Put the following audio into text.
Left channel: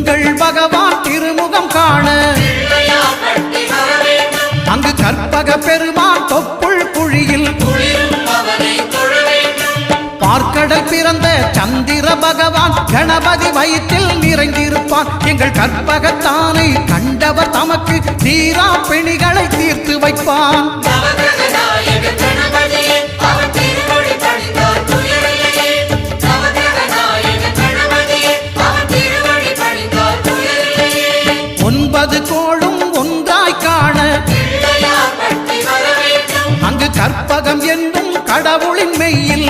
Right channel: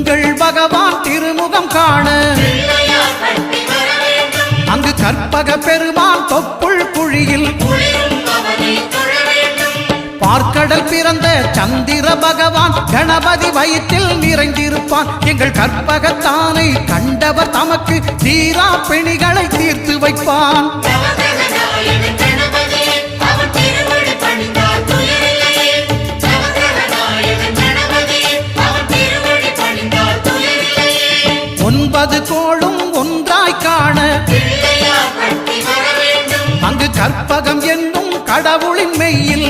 எங்கள் பகவான் திருமுகம் காண அங்கு கற்பக பெருமான் தொப்புள் குழியில் பார்க்கடல் பிறந்த சந்திர பகவான் கணபதி வயிற்றில் நிறைந்திருப்பான். எங்கள் கற்பகத்தானை கண்டவர் தமக்கு தீரா பிணிகளை தீர்த்து வைப்பான். ஒன்பது கோளும் ஒன்றாய் காண அங்கு கற்பகம் என்னும் கடவுளின் மெய்யில்